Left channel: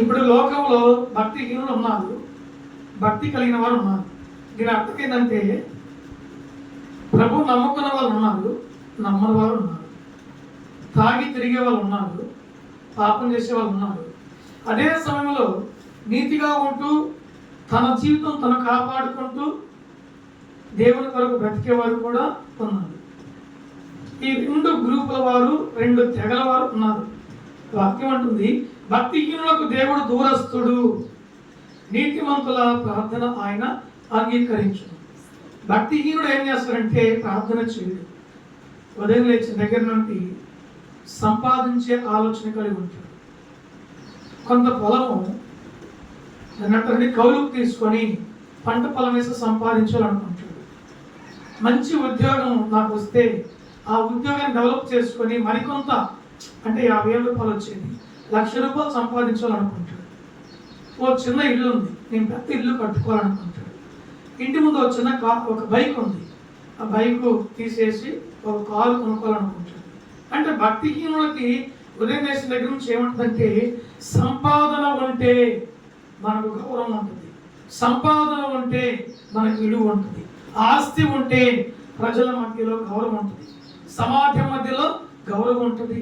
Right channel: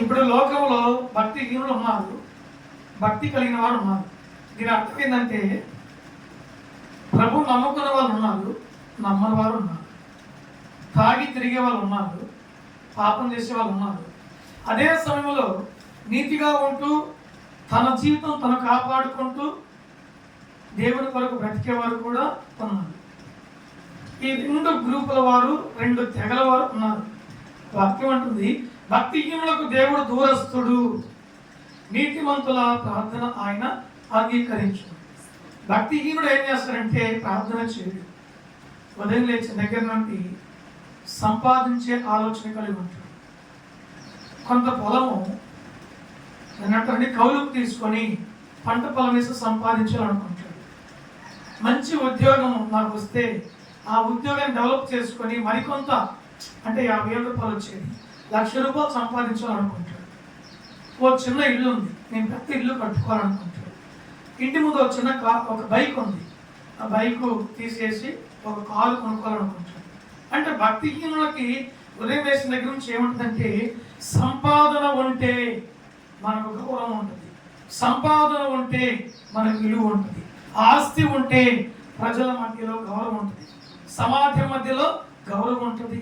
ఇప్పుడు లోకంలో భక్తిహీనులు ఉన్నారు, భక్తి కలిగిన వారు ఉన్నారు. దీని అర్థం ఏంటంటే ప్రభు నమ్ముకున్న వాళ్ళు ఉన్నారు, నమ్మని వారు ఉన్నారు. తాగి తిరిగే వాళ్ళు ఉన్నారు, పాపం చేసే వాళ్ళు ఉన్నారు. అదే సమయంలో నీతిగా ఉంటూ తన జీవితం తను కాపాడుకుంటూ దేవుని కొరకు బ్రతికే వారు కూడా ఉన్నారు. ఈ రెండు గ్రూపుల వారు, రెండు తెగల వారు ఉన్నారు. వాక్యం అంటుంది, భక్తిహీనులకు దేవుడు దూరస్తుడు, నీతిమంతుల ప్రార్థన ఆయన అంగీకరించు. భక్తిహీనుడు ఏం చేస్తాడంటే ప్రార్థన చేయడు. ఉదయం లేచిన దగ్గర నుండి సంపాదించే ఆలోచన కలిగి ఉంటాడు. కొంత పొలము అన్నట్టు కౌలుకు తీసుకొని పంట పొలం వేసి సంపాదించాలనుకుంటాడు. మంచి ఉద్యోగం నాకు వస్తే ఆ ఉద్యోగాన్ని డెవలప్ చేసుకొని మరికొంత అంటే 50,000 రూపాయలు వచ్చేది, 1,00,000 రూపాయలు సంపాదించాలనుకుంటాడు. ఓ చిన్న ఇల్లు ఉంది, నేను పెద్ద ఇల్లు కట్టుకోవాలనుకుంటాడు. ఇంటి ముందు ఒక బైక్ ఉంది, ఆ బైక్ తీసేసి ఒక కారు కొనుక్కోవాలనుకుంటాడు. అంటే భక్తిహీనులకి ఉదయం వేసిన దగ్గర నుంచి ఏమంటుందంటే సంపాదన ఉంటే మనకు గౌరవం ఉంటుంది, సంపాదన ఉంటే మనకు విలువ ఉంటుంది, ఆస్తి ఉంటే ప్రజల మధ్యలో గౌరవం ఉంటుంది, సమాజం మధ్యలో గౌరవం ఉంటుంది,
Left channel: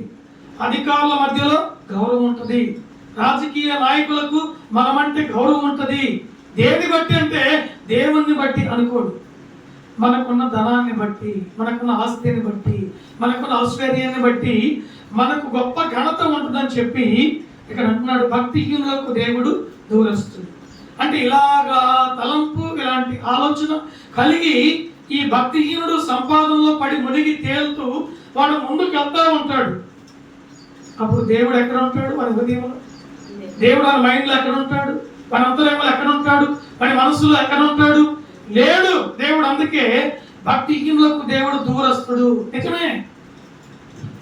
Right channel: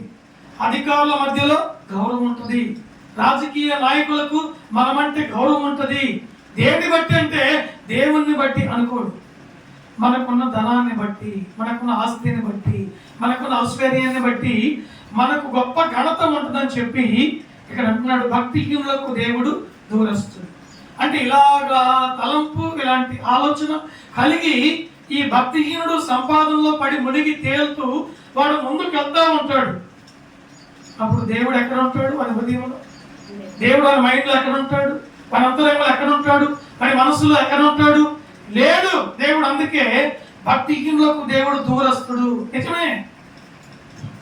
అధికారుల మధ్యలో గౌరవం ఉంటుంది, రాజకీయ నాయకులకు మనమంటే గౌరవం ఉంటుంది. దేన్ని బట్టి అంటే దేవుణ్ణి బట్టి అనుకోడు, మనకున్న ధనాన్ని బట్టి, మనకున్న ఆస్తిని బట్టి, మనకున్న ఐశ్వర్యాన్ని బట్టి మనకు గొప్ప ఘనత ఉంటుందని చెప్పి ఇక్కడ అంటున్నాడు, భక్తిహీనులకు దేవుడు దూరస్తుడు. అంటే ఇలాగా తలంపు, ఇలాంటి ఆలోచన కలిగి ఈ భక్తిహీనుడు సంపాదనలో పడి మునిగి తేలుతూ వాడు ముందుకు వెళ్తా ఉంటాడు. అప్పుడు దేవుడు ఎక్కడ ఉంటాడు? మన హృదయంలో. దేవుడు మన మైండ్లో ఎక్కడ ఉంటాడు? మన అంతరంగంలో ఎక్కడ ఉంటాడు? మన మనసులో ఎక్కడ ఉంటాడు? లేడు దేవుడు. అందుకే భక్తిహీనులకు దేవుడు దూరస్తుడు. నిజమే,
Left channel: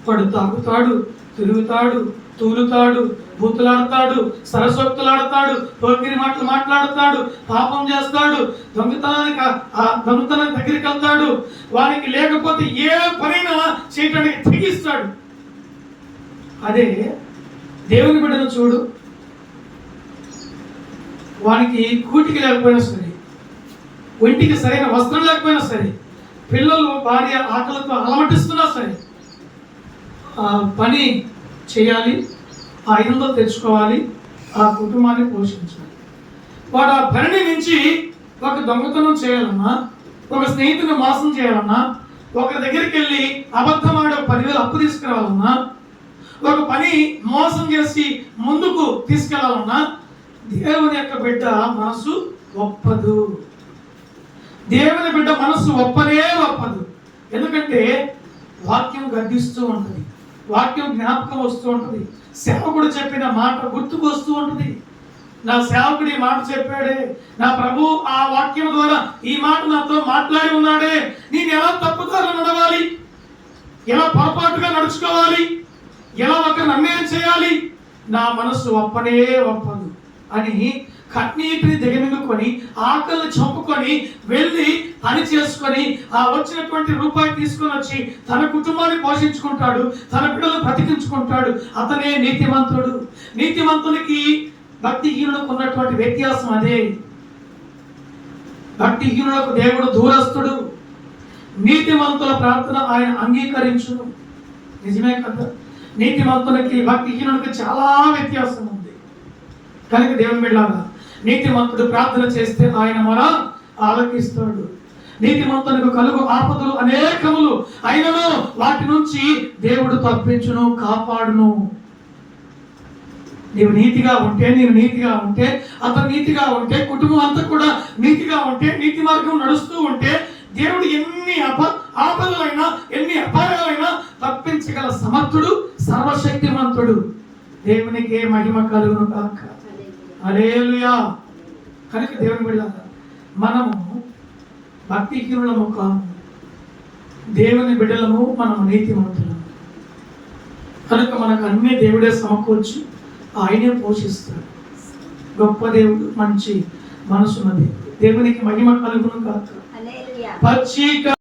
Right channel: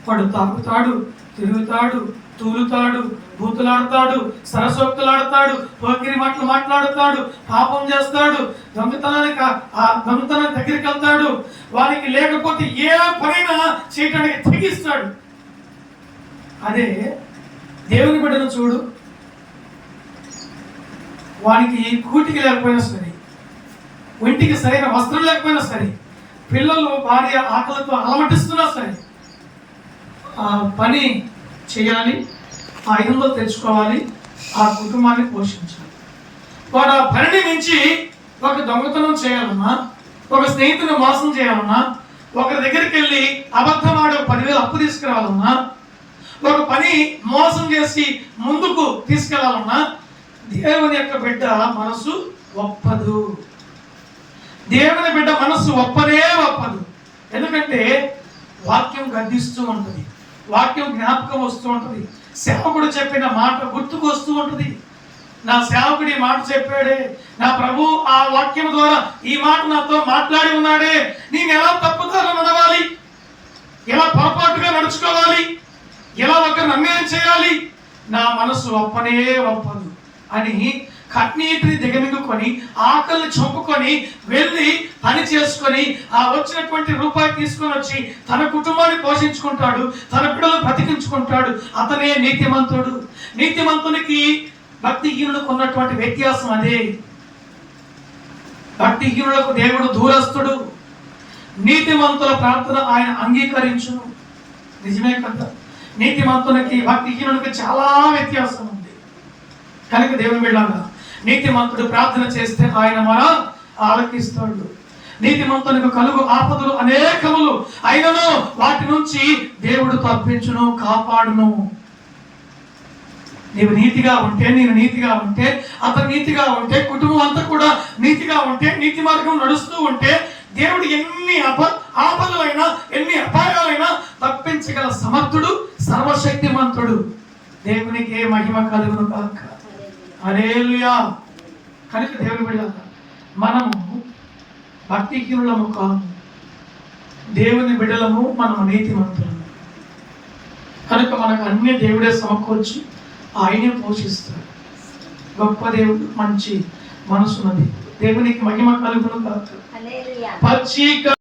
వాడు తాగుతాడు, తిరుగుతాడు, తూలుతాడు, బూతులాడతాడు, సరసోక్తులాడతాడు, పోకిరి మాటలు మాట్లాడతాడు, పాపం చేస్తాడు, దొంగతనానికి దగ్గరికి వెళ్తాడు. వానికి లేకపోతే ఏ పనైనా చేయడానికి తెగిస్తాడు. అదే దేవుని బిడ్డను చూడు, వానికి కూటికి లేకపోయినా సరే, ఒంటికి సరైన వస్త్రం లేకపోయినా సరే, పిల్లలు భార్య ఆకలితో అలమటిస్తున్నా సరే ఆ పని చేయాలి, ఆ 500 తెచ్చుకోవాలి, ఆ కుటుంబాన్ని పోషించాలి. వాడు ఆ పనిని మించి ఒక దొంగతనం చేయాలన్నా, ఒక స్నేహితుని మోసం చేయాలన్నా, ఒకరి దగ్గరికి వెళ్ళి అబద్ధమాడ 10,000 అప్పు తీసుకురావాలన్నా, ఒక పని మోసం చేసి ముందుకు తీసుకెళ్లాలన్నా దేవుని యొక్క బిడ్డ మనసు ఒప్పదు. దేవుని బిడ్డ మనసు ఒప్పనే ఒప్పదు. ఎందుకంటే వాక్యం గద్దిస్తూ ఉంటుంది, వాక్యం జ్ఞాపకం వస్తూ ఉంటుంది, సేవకుడు చెప్పిన మాట గుర్తుకు వస్తూ ఉంటుంది. నా సేవకుడు ఈ మాట చెప్పాడే, నా ప్రభు ఆ వాక్యం ద్వారా ఈ మాట నాతో మాట్లాడి ఉన్నాడే, నేను ఎలా తప్పుదారులు నడవాలి, ఎలా పొరపాటుగా నడుచుకోవాలి, ఎలా ఒకరిని అన్యాయం చేయాలి, నా మనసు ఒప్పనే ఒప్పదు అని కన్నీటిని దిగమింగుకొని ఆకలిని చంపుకొని వెళ్ళి పని చేసుకొని ఆ వచ్చినటువంటి రూపాయి తీసుకొని వచ్చి తన కుటుంబాన్ని పోషించుకుంటాడు, తన బిడ్డలు బ్రతికించుకుంటాడు. అతనే నీతిమంతుడు. నీతిమంతునికి భక్తిహీనులకు ఉన్నటువంటి వ్యత్యాసం అదే. భక్తిహీనులకు దేవుడు దూరస్తుడు, నీతిమంతుల ప్రార్థన ఆయన అంగీకరించును. నిజమే కదా? నీతిమంతునికి భక్తిహీనునికి చాలా వ్యత్యాసం ఉంది. కనుక దేవుని బిడ్డలారా, నీతిమంతుడు ప్రార్థన చేస్తే ఆయన మన ఆలకిస్తాడు. నీతిమంతునికి కలుగు ఆపదలు అనేకములు అయినను వాటి నుంచి దేవుడు తప్పించును, కాపాడును. నీవు నీతిగా ఉంటే, నేను నీతిగా ఉంటే, అతను నీతిగా ఉంటే, కుటుంబం అంతా కూడా నీతిగా ఉంటే, నీతి మార్గం నడుస్తూ ఉంటే దేవుడు ఎన్ని ఆపదలైనా ఎన్ని అపాయాలైనా తప్పించగల సమర్థుడు, సర్వశక్తిమంతుడు. దేవునికి మహిమ కలుగును కాక. హల్లెలూయా. కనుక దేవుని బిడ్డలారా, మనము భక్తిహీనులము కాము, దేవుని బిడ్డలము, మనము నీతిమంతులము. కనుక మనకు అన్ని దేవుడే సమకూర్చి ఆయనే పోషిస్తాడు. గొప్ప దేవుడు, మంచి మనసున్నది. దేవునికి మహిమ కలుగును కాక.